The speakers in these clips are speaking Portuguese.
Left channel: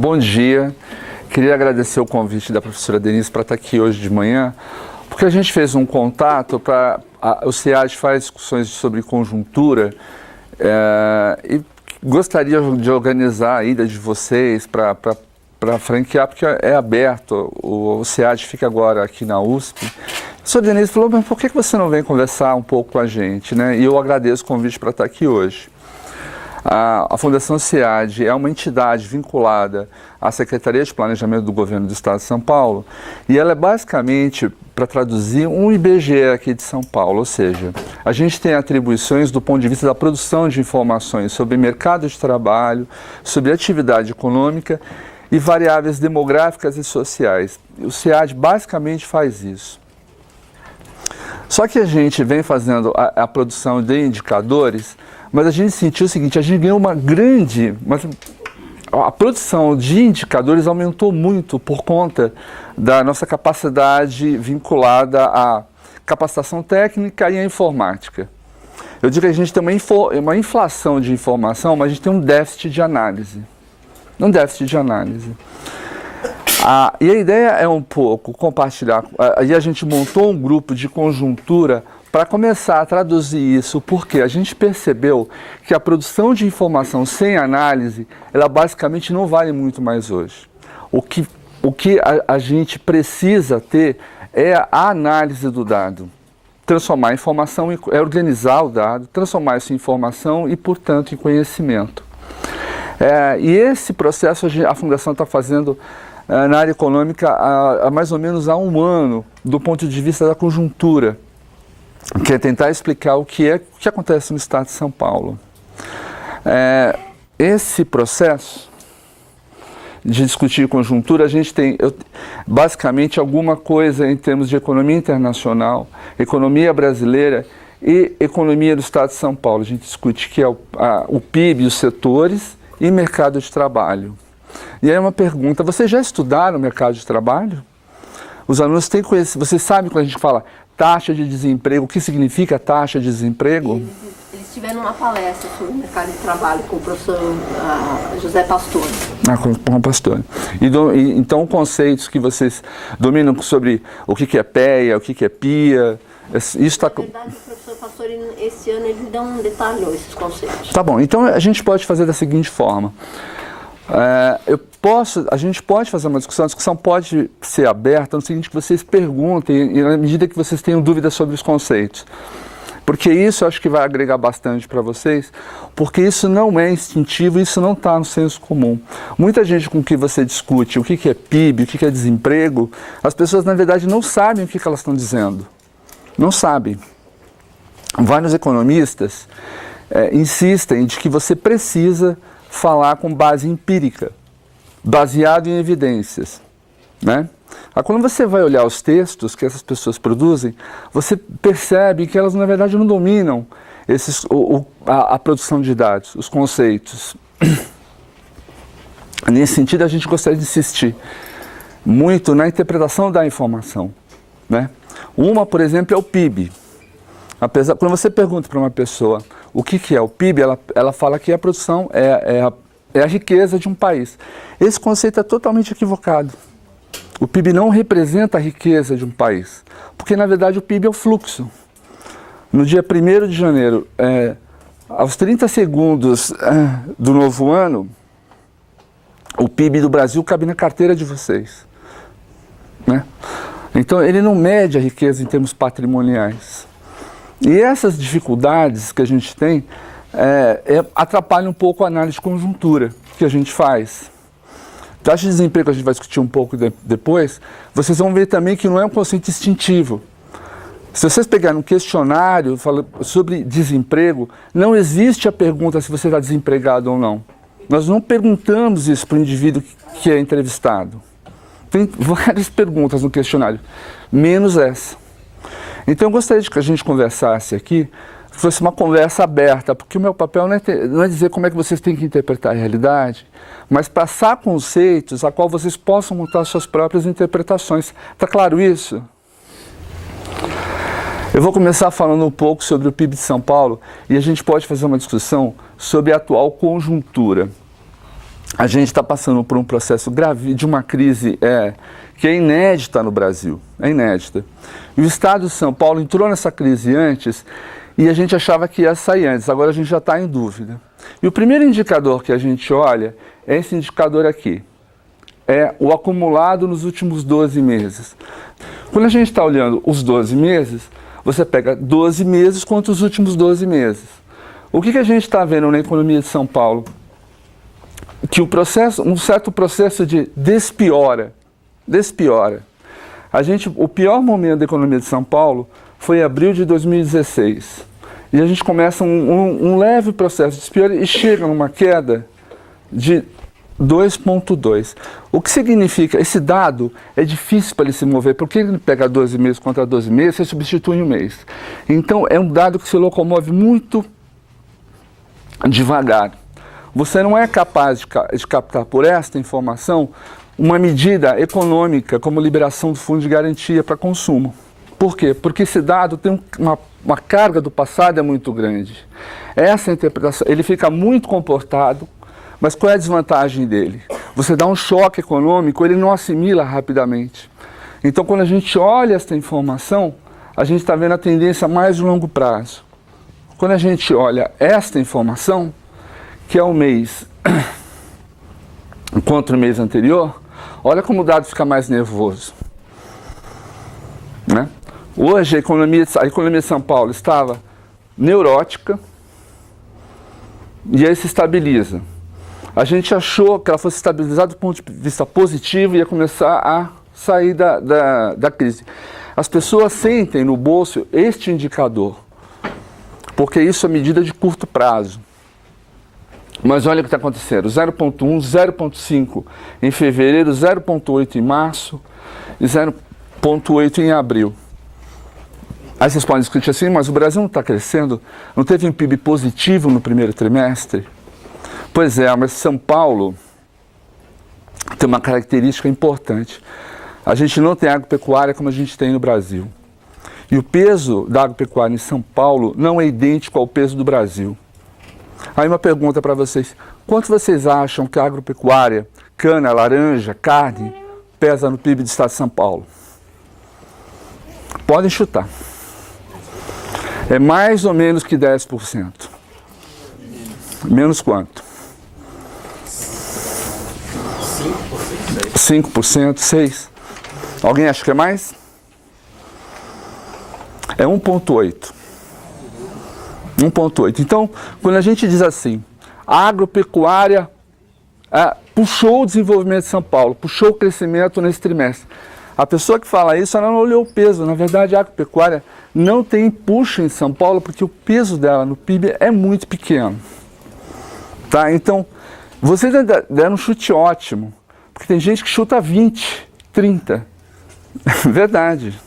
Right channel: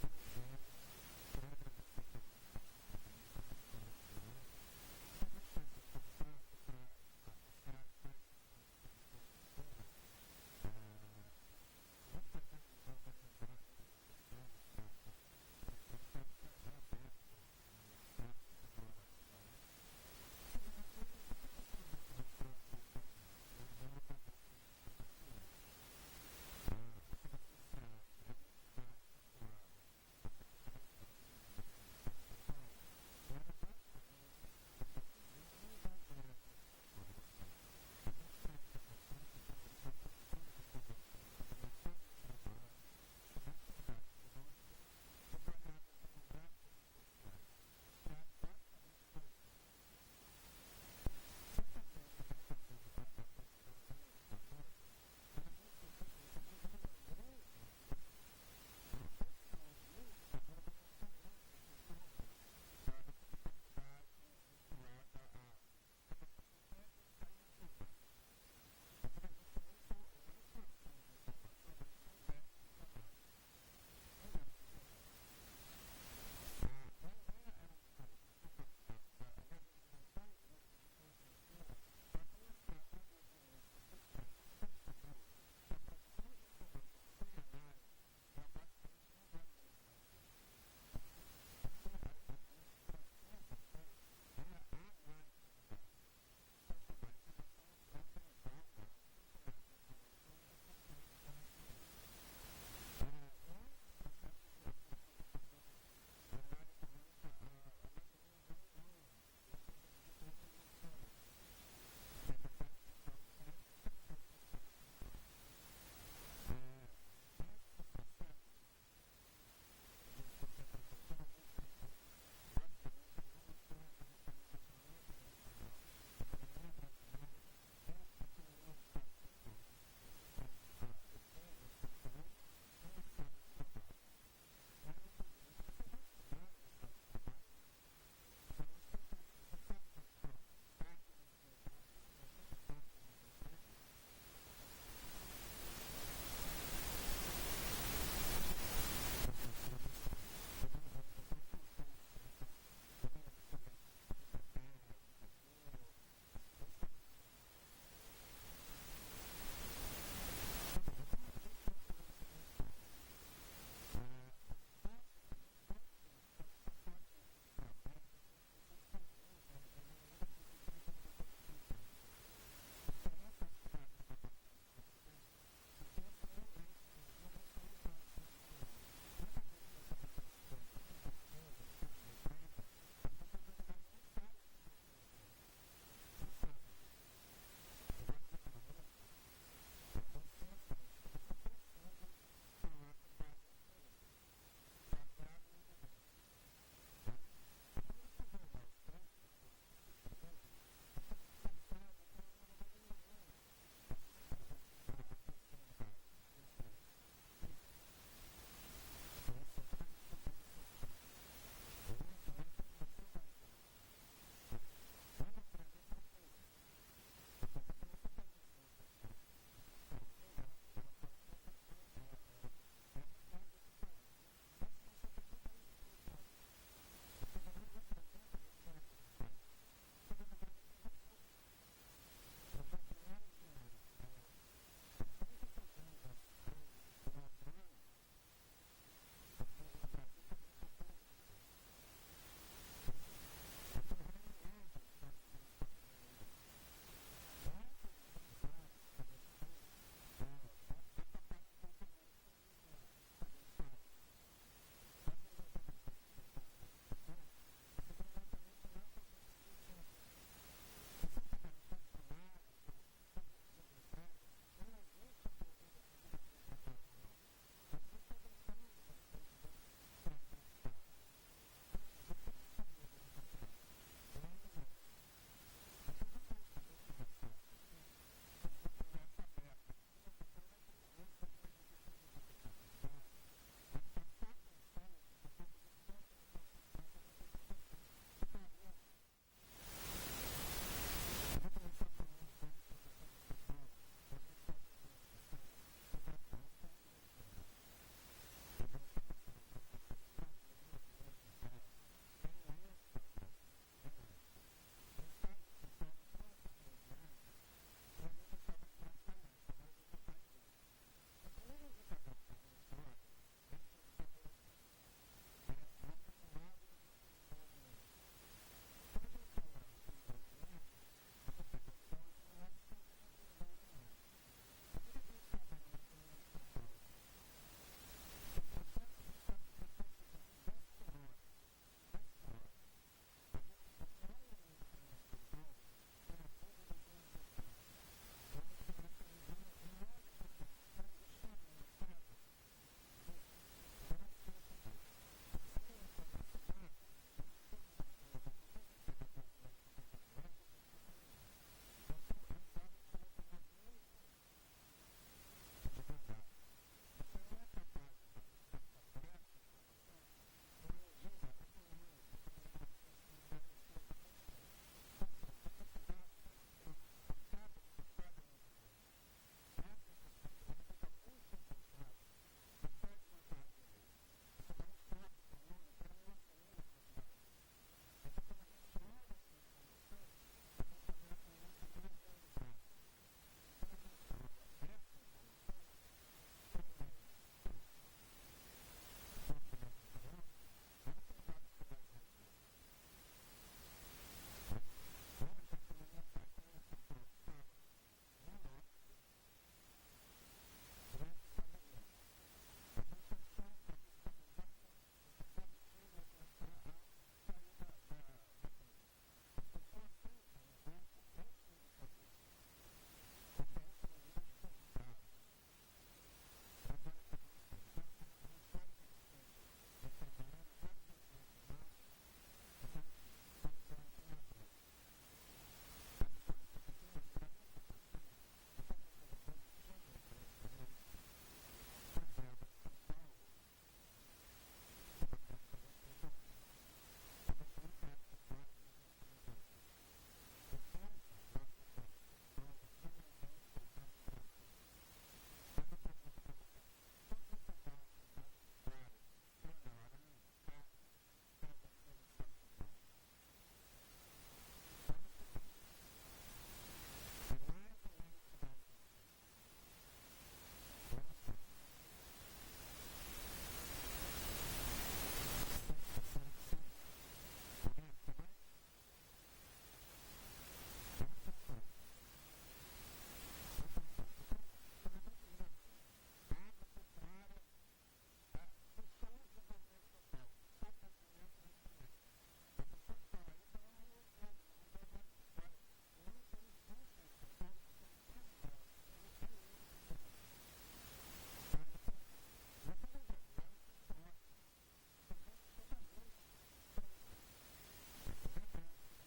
Bom dia. Queria agradecer o convite da professora Denise para estar aqui hoje de manhã, porque a gente fez um contato o SEAD faz discussões sobre conjuntura e gostaria de organizar a ida de vocês para franquear, porque é aberto, o SEAD fica agora aqui na USP. A professora Denise falou, mas por que você não vem conversar um pouco com a gente, né? E eu agradeço o convite para estar aqui hoje. A Fundação SEAD é uma entidade vinculada à Secretaria de Planejamento do Governo do Estado de São Paulo e ela é basicamente, para traduzir, um IBGE aqui de São Paulo, ou seja, a gente tem atribuições do ponto de vista da produção de informações sobre mercado de trabalho, sobre atividade econômica e variáveis demográficas e sociais. O SEAD basicamente faz isso. Só que a gente vem fazendo a produção de indicadores, mas a gente sentiu o seguinte, a gente ganhou a produção de indicadores aumentou muito por conta da nossa capacidade vinculada à capacitação técnica e à informática. Eu digo que a gente tem uma inflação de informação, mas a gente tem um déficit de análise. E a ideia é um pouco compartilhar, aí a gente montou um grupo de conjuntura para começar a traduzir isso, porque a gente percebeu que a produção de informação sem análise, ela basicamente não vale muito mais hoje. O que a gente precisa ter é a análise do dado. Transformar a informação, organizar o dado, transformar isso em informação e, portanto, em conhecimento. E esse processo a Fundação está fazendo na área econômica há mais ou menos há um ano, do ponto de vista da conjuntura, que é tentar explicar o que acontece no Estado de São Paulo. Esse processo de discutir conjuntura, a gente tem basicamente alguma coisa em termos de economia internacional, economia brasileira e economia do Estado de São Paulo. A gente discute que é o PIB, os setores e mercado de trabalho. E aí uma pergunta, vocês já estudaram o mercado de trabalho? Os alunos têm conhecimento, vocês sabem quando a gente fala taxa de desemprego, o que significa taxa de desemprego? Eles tiveram uma palestra sobre o mercado de trabalho com o professor José Pastor. Com o Pastor. Então, conceitos que vocês dominam sobre o que é PEA, o que é PIA, isso está... Na verdade, o professor Pastor, esse ano, ele não detalhou esses conceitos. Tá bom, então a gente pode fazer da seguinte forma. A gente pode fazer uma discussão, a discussão pode ser aberta no seguinte, que vocês perguntem, e na medida que vocês tenham dúvidas sobre os conceitos. Porque isso eu acho que vai agregar bastante para vocês, porque isso não é instintivo, isso não está no senso comum. Muita gente com que você discute o que é PIB, o que é desemprego, as pessoas na verdade não sabem o que elas estão dizendo. Não sabem. Vários economistas insistem de que você precisa falar com base empírica, baseado em evidências, né? Quando você vai olhar os textos que essas pessoas produzem, você percebe que elas, na verdade, não dominam a produção de dados, os conceitos. Nesse sentido, a gente gostaria de insistir muito na interpretação da informação, né? Uma, por exemplo, é o PIB. Quando você pergunta para uma pessoa o que é o PIB, ela fala que a produção é a riqueza de um país. Esse conceito é totalmente equivocado. O PIB não representa a riqueza de um país, porque na verdade o PIB é o fluxo. No dia 1º de janeiro, aos 30 segundos do novo ano, o PIB do Brasil cabe na carteira de vocês, né? Então ele não mede a riqueza em termos patrimoniais. E essas dificuldades que a gente tem atrapalham um pouco a análise de conjuntura que a gente faz. Taxa de desemprego, que a gente vai discutir um pouco depois, vocês vão ver também que não é um conceito instintivo. Se vocês pegarem um questionário sobre desemprego, não existe a pergunta se você está desempregado ou não. Nós não perguntamos isso para o indivíduo que é entrevistado. Tem várias perguntas no questionário, menos essa. Então eu gostaria de que a gente conversasse aqui, que fosse uma conversa aberta, porque o meu papel não é dizer como é que vocês têm que interpretar a realidade, mas passar conceitos a qual vocês possam montar suas próprias interpretações. Está claro isso? Eu vou começar falando um pouco sobre o PIB de São Paulo e a gente pode fazer uma discussão sobre a atual conjuntura. a gente está passando por um processo grave de uma crise que é inédita no Brasil, é inédita. E o Estado de São Paulo entrou nessa crise antes e a gente achava que ia sair antes, agora a gente já está em dúvida. E o primeiro indicador que a gente olha é esse indicador aqui, é o acumulado nos últimos 12 meses. Quando a gente está olhando os 12 meses, você pega 12 meses contra os últimos 12 meses. O que a gente está vendo na economia de São Paulo? Que um certo processo de despiora. O pior momento da economia de São Paulo foi em abril de 2016. E a gente começa um leve processo de despiora e chega numa queda de 2,2. O que significa? Esse dado é difícil para ele se mover, porque ele pega 12 meses contra 12 meses, você substitui em um mês. Então é um dado que se locomove muito devagar. Você não é capaz de captar por esta informação uma medida econômica como liberação do fundo de garantia para consumo. Por quê? Porque esse dado tem uma carga do passado é muito grande. Essa interpretação, ele fica muito comportado, mas qual é a desvantagem dele? Você dá um choque econômico, ele não assimila rapidamente. Então, quando a gente olha essa informação, a gente está vendo a tendência mais de longo prazo. Quando a gente olha esta informação, que é o mês contra o mês anterior, olha como o dado fica mais nervoso. Né? Hoje, a economia de São Paulo estava neurótica e aí se estabiliza. A gente achou que ela fosse estabilizar do ponto de vista positivo e ia começar a sair da crise. As pessoas sentem no bolso este indicador, porque isso é medida de curto prazo. Mas olha o que está acontecendo, 0,1, 0,5 em fevereiro, 0,8 em março e 0,8 em abril. Aí vocês podem discutir assim, mas o Brasil não está crescendo, não teve um PIB positivo no primeiro trimestre? Pois é, mas São Paulo tem uma característica importante. A gente não tem agropecuária como a gente tem no Brasil. E o peso da agropecuária em São Paulo não é idêntico ao peso do Brasil. Aí uma pergunta para vocês, quanto vocês acham que a agropecuária, cana, laranja, carne, pesa no PIB do Estado de São Paulo? Podem chutar. É mais ou menos que 10%. Menos quanto? 5%, 6%. Alguém acha que é mais? É 1,8%. 1,8%. Então, quando a gente diz assim, a agropecuária puxou o desenvolvimento de São Paulo, puxou o crescimento nesse trimestre. A pessoa que fala isso, ela não olhou o peso. Na verdade, a agropecuária não tem empuxo em São Paulo, porque o peso dela no PIB é muito pequeno. Tá? Então, vocês deram um chute ótimo, porque tem gente que chuta 20, 30. Verdade.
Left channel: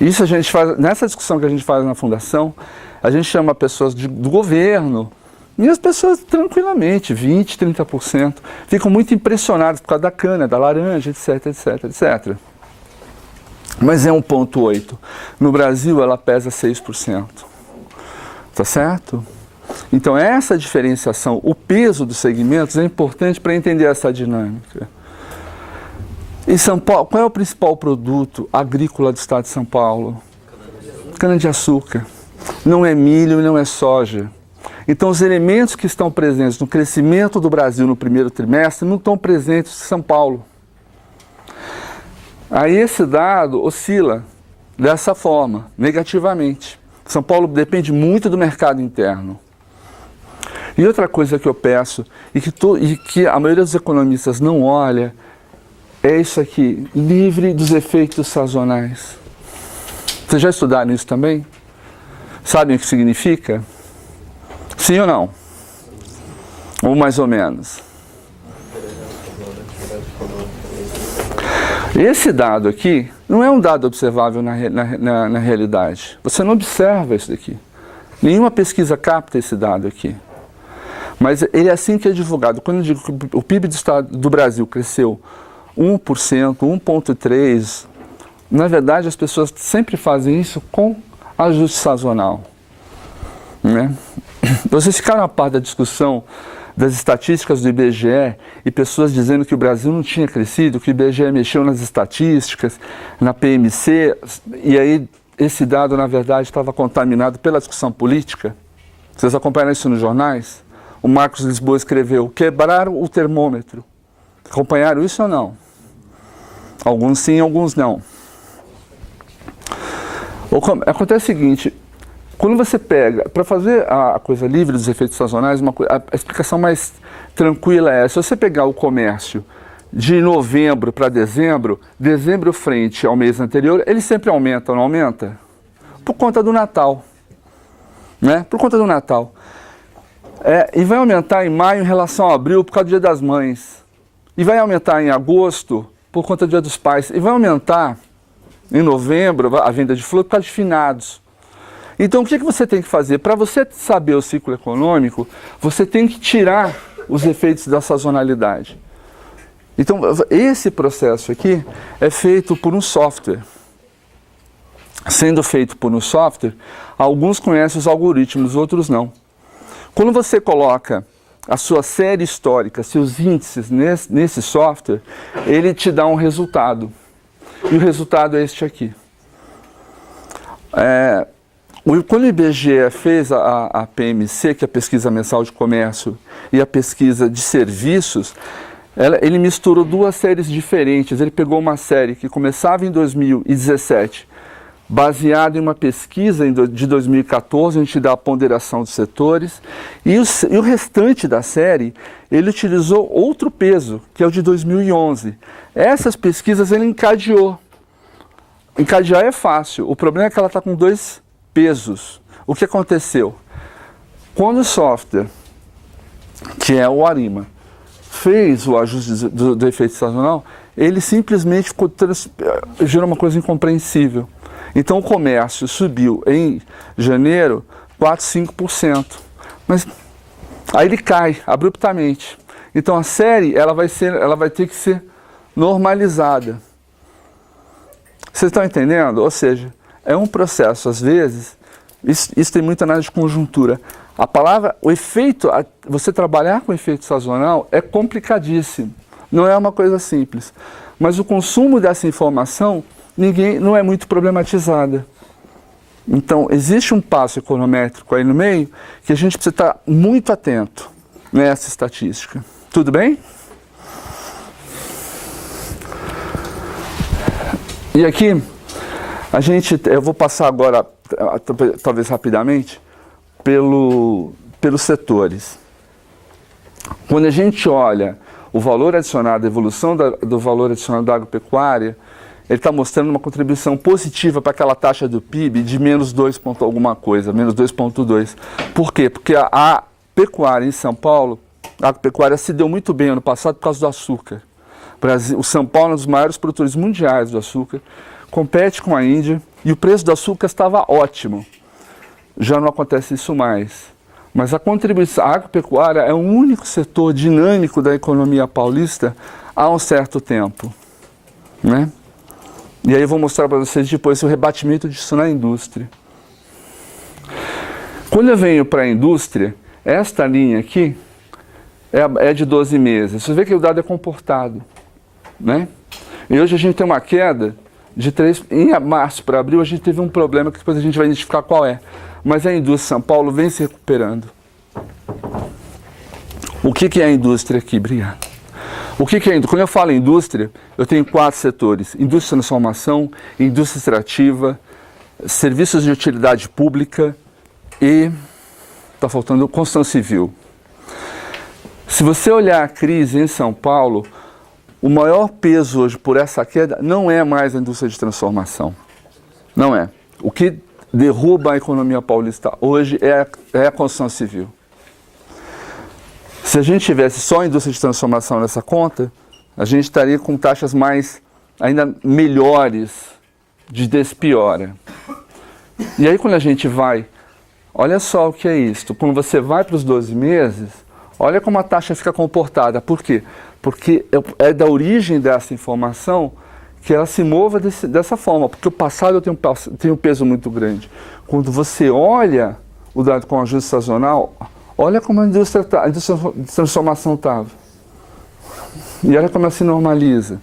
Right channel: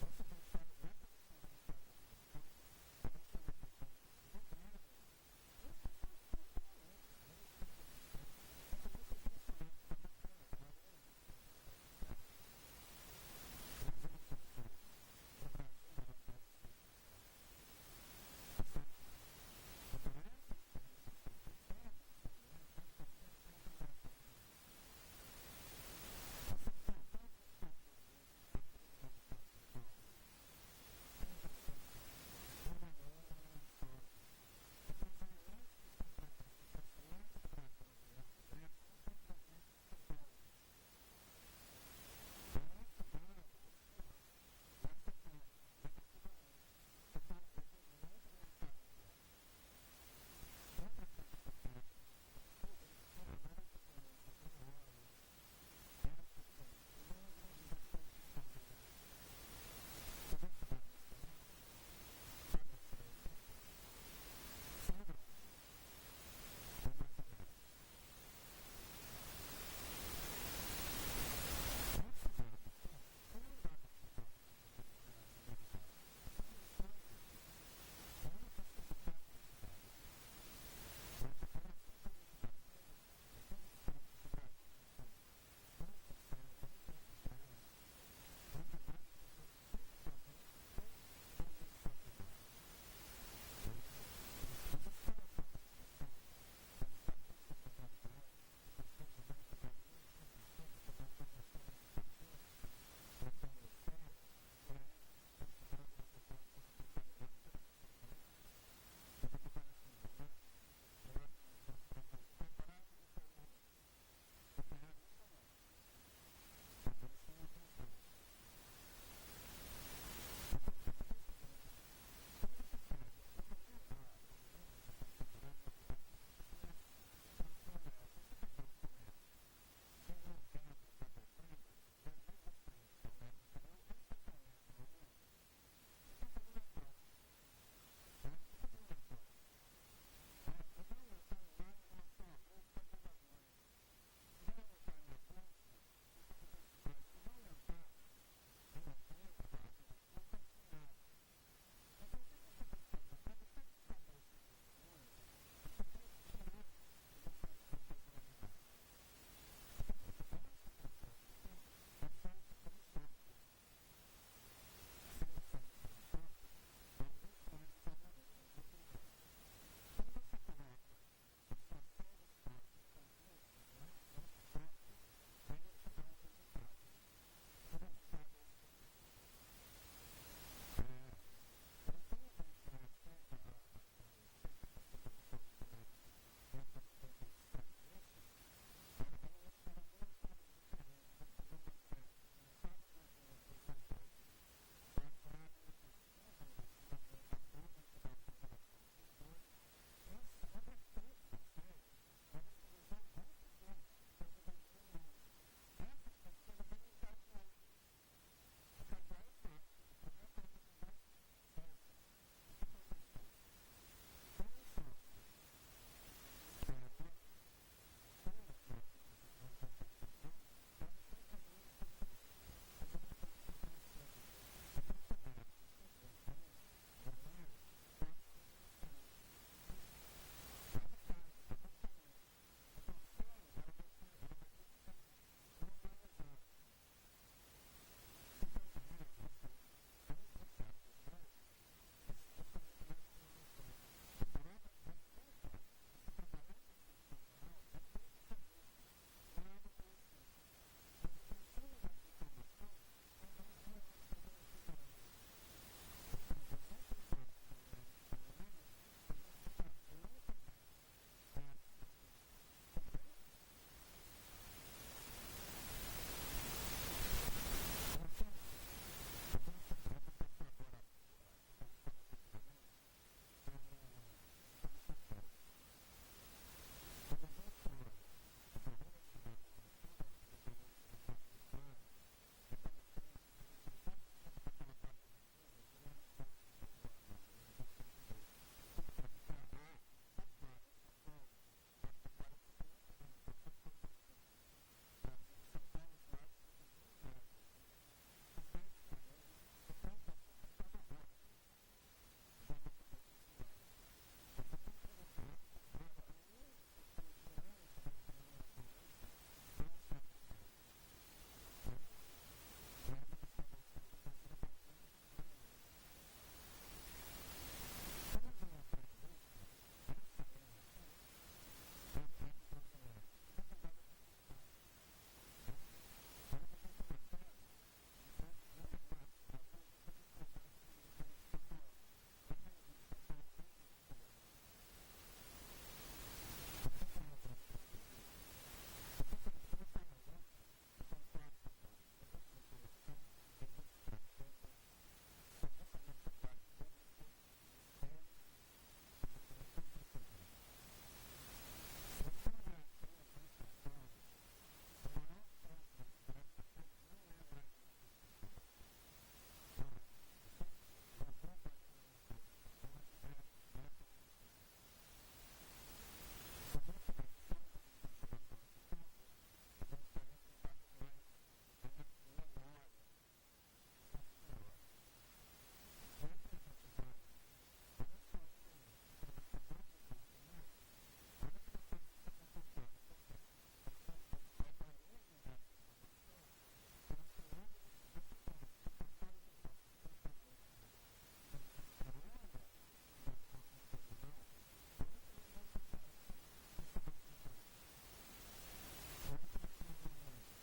Isso a gente faz, nessa discussão que a gente faz na Fundação, a gente chama pessoas do governo, e as pessoas tranquilamente, 20%, 30%, ficam muito impressionadas por causa da cana, da laranja, etc, etc, etc. Mas é 1,8%. No Brasil, ela pesa 6%. Tá certo? Então, essa diferenciação, o peso dos segmentos é importante para entender essa dinâmica. Em São Paulo, qual é o principal produto agrícola do Estado de São Paulo? Cana-de-açúcar. Não é milho e não é soja. Então, os elementos que estão presentes no crescimento do Brasil no primeiro trimestre não estão presentes em São Paulo. Aí esse dado oscila dessa forma, negativamente. São Paulo depende muito do mercado interno. E outra coisa que eu peço, e que a maioria dos economistas não olha, é isso aqui, livre dos efeitos sazonais. Vocês já estudaram isso também? Sabem o que significa? Sim ou não? Ou mais ou menos? Esse dado aqui não é um dado observável na realidade. Você não observa isso daqui. Nenhuma pesquisa capta esse dado aqui. Mas ele é assim que é divulgado. Quando eu digo que o PIB do Brasil cresceu 1%, 1,3%, na verdade as pessoas sempre fazem isso com ajuste sazonal. Né? Vocês ficaram a par da discussão das estatísticas do IBGE e pessoas dizendo que o Brasil não tinha crescido, que o IBGE mexeu nas estatísticas, na PMC, e aí esse dado, na verdade, estava contaminado pela discussão política. Vocês acompanharam isso nos jornais? O Marcos Lisboa escreveu, quebraram o termômetro. Acompanharam isso ou não? Alguns sim, alguns não. Acontece o seguinte, quando você pega, para fazer a coisa livre dos efeitos sazonais, a explicação mais tranquila é, se você pegar o comércio de novembro para dezembro, dezembro frente ao mês anterior, ele sempre aumenta ou não aumenta? Por conta do Natal, né? Por conta do Natal. E vai aumentar em maio em relação a abril por causa do Dia das Mães. E vai aumentar em agosto por conta do Dia dos Pais. E vai aumentar em novembro a venda de flores por causa de finados. Então, o que você tem que fazer? Para você saber o ciclo econômico, você tem que tirar os efeitos da sazonalidade. Então, esse processo aqui é feito por um software. Sendo feito por um software, alguns conhecem os algoritmos, outros não. Quando você coloca a sua série histórica, seus índices nesse software, ele te dá um resultado. E o resultado é este aqui. Quando o IBGE fez a PMC, que é a Pesquisa Mensal de Comércio, e a Pesquisa de Serviços, ele misturou duas séries diferentes. Ele pegou uma série que começava em 2017, baseada em uma pesquisa de 2014, onde dá a ponderação dos setores, e o restante da série, ele utilizou outro peso, que é o de 2011. Essas pesquisas ele encadeou. Encadear é fácil, o problema é que ela está com dois pesos. O que aconteceu? Quando o software, que é o Arima, fez o ajuste do efeito sazonal, ele simplesmente gerou uma coisa incompreensível. Então o comércio subiu em janeiro 4, 5%. Mas aí ele cai abruptamente. Então a série ela vai ter que ser normalizada. Vocês estão entendendo? Ou seja, é um processo, às vezes, isso tem muita análise de conjuntura. A palavra, o efeito, você trabalhar com efeito sazonal é complicadíssimo. Não é uma coisa simples. Mas o consumo dessa informação não é muito problematizada. Então, existe um passo econométrico aí no meio que a gente precisa estar muito atento nessa estatística. Tudo bem? E aqui, eu vou passar agora, talvez rapidamente, pelos setores. Quando a gente olha o valor adicionado, a evolução do valor adicionado da agropecuária, ele está mostrando uma contribuição positiva para aquela taxa do PIB de menos 2 ponto alguma coisa, menos 2,2. Por quê? Porque a pecuária em São Paulo, a agropecuária se deu muito bem ano passado por causa do açúcar. O São Paulo é um dos maiores produtores mundiais do açúcar, compete com a Índia e o preço do açúcar estava ótimo. Já não acontece isso mais. Mas a contribuição, a agropecuária é o único setor dinâmico da economia paulista há um certo tempo, né? E aí eu vou mostrar para vocês depois o rebatimento disso na indústria. Quando eu venho para a indústria, esta linha aqui é de 12 meses. Você vê que o dado é comportado, né? E hoje a gente tem uma queda de 3... Em março para abril a gente teve um problema que depois a gente vai identificar qual é. Mas a indústria de São Paulo vem se recuperando. O que é a indústria aqui? Obrigado. O que é a indústria? Quando eu falo indústria, eu tenho 4 setores. Indústria de transformação, indústria extrativa, serviços de utilidade pública e, está faltando, construção civil. Se você olhar a crise em São Paulo, o maior peso hoje por essa queda não é mais a indústria de transformação. Não é. O que derruba a economia paulista hoje é a construção civil. Se a gente tivesse só a indústria de transformação nessa conta, a gente estaria com taxas ainda melhores de despiora. E aí quando a gente vai, olha só o que é isso. Quando você vai para os 12 meses, olha como a taxa fica comportada. Por quê? Porque é da origem dessa informação que ela se mova dessa forma, porque o passado tem um peso muito grande. Quando você olha o dado com ajuste sazonal, Olha como a indústria de transformação estava. E olha como ela se normaliza.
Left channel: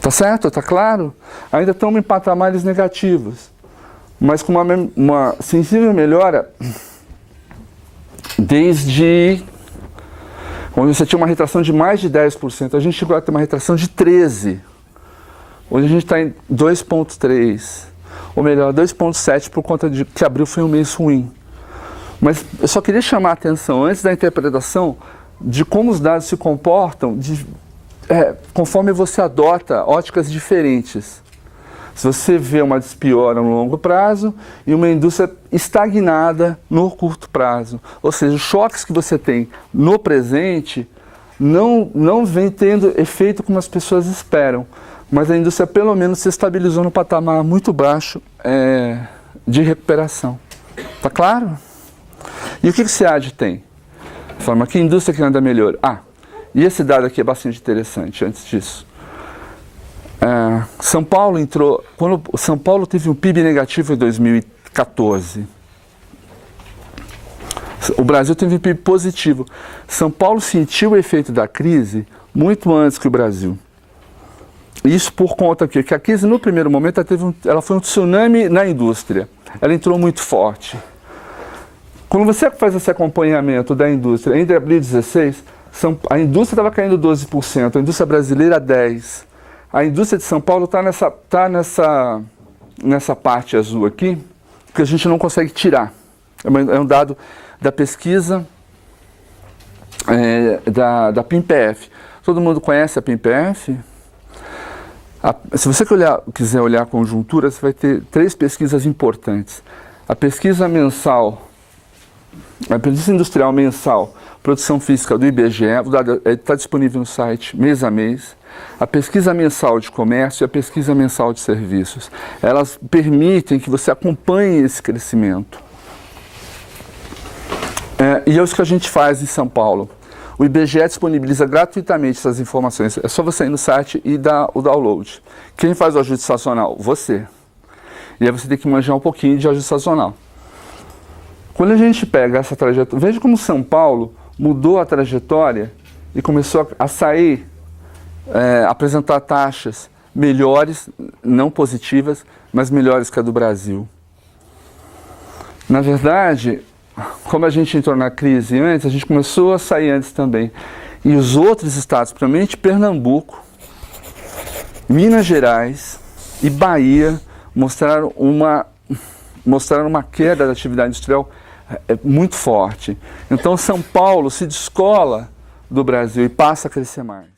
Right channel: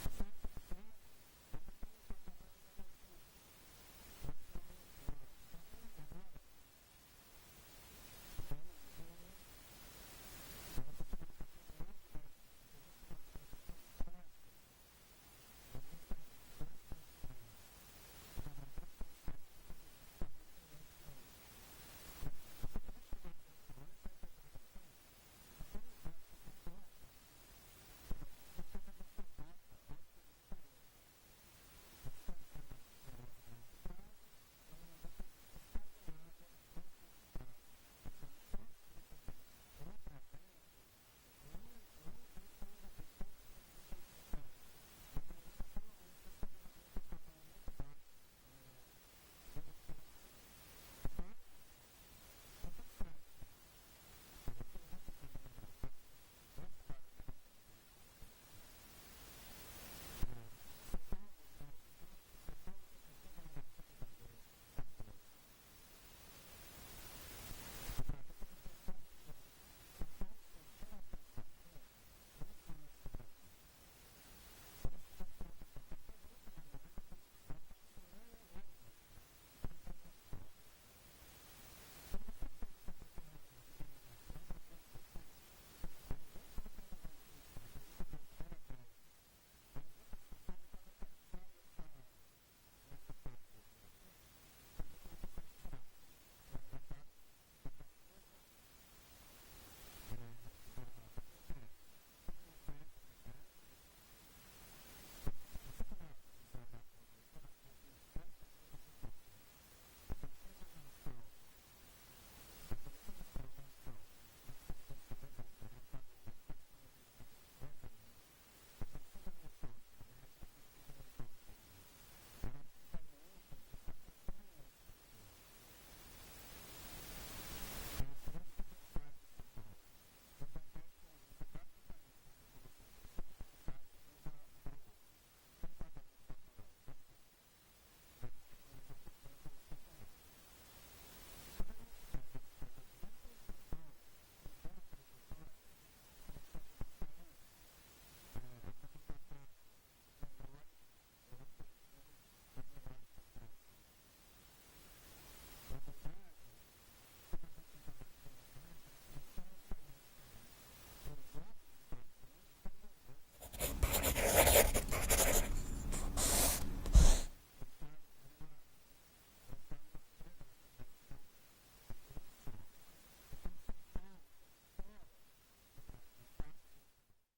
Tá certo? Tá claro? Ainda estamos em patamares negativos, mas com uma sensível melhora desde onde você tinha uma retração de mais de 10%. A gente chegou a ter uma retração de 13%. Hoje a gente está em 2,3%. Ou melhor, 2,7% por conta de que abril foi um mês ruim. Mas eu só queria chamar a atenção, antes da interpretação, de como os dados se comportam conforme você adota óticas diferentes. Se você vê uma despiora no longo prazo e uma indústria estagnada no curto prazo. Ou seja, os choques que você tem no presente não vem tendo efeito como as pessoas esperam. Mas a indústria pelo menos se estabilizou no patamar muito baixo de recuperação. Tá claro? E o que o SEAD tem? Forma que indústria que anda melhor. E esse dado aqui é bastante interessante antes disso. São Paulo entrou, quando São Paulo teve um PIB negativo em 2014. O Brasil teve um PIB positivo. São Paulo sentiu o efeito da crise muito antes que o Brasil. Isso por conta que a crise no primeiro momento ela foi um tsunami na indústria. Ela entrou muito forte. Quando você faz esse acompanhamento da indústria, entre abril e 16, a indústria estava caindo 12%, a indústria brasileira 10%. A indústria de São Paulo está nessa parte azul aqui, que a gente não consegue tirar. É um dado da pesquisa da PIMPF. Todo mundo conhece a PIMPF? Se você quiser olhar a conjuntura, você vai ter 3 pesquisas importantes. A pesquisa mensal, a pesquisa industrial mensal, produção física do IBGE, o dado está disponível no site mês a mês. A pesquisa mensal de comércio e a pesquisa mensal de serviços. Elas permitem que você acompanhe esse crescimento. E é isso que a gente faz em São Paulo. O IBGE disponibiliza gratuitamente essas informações. É só você ir no site e dar o download. Quem faz o ajuste sazonal? Você. E aí você tem que manjar um pouquinho de ajuste sazonal. Quando a gente pega essa trajetória, veja como São Paulo mudou a trajetória e começou a sair, apresentar taxas melhores, não positivas, mas melhores que a do Brasil. Na verdade, como a gente entrou na crise antes, a gente começou a sair antes também. E os outros estados, principalmente Pernambuco, Minas Gerais e Bahia, mostraram uma queda da atividade industrial muito forte. Então São Paulo se descola do Brasil e passa a crescer mais.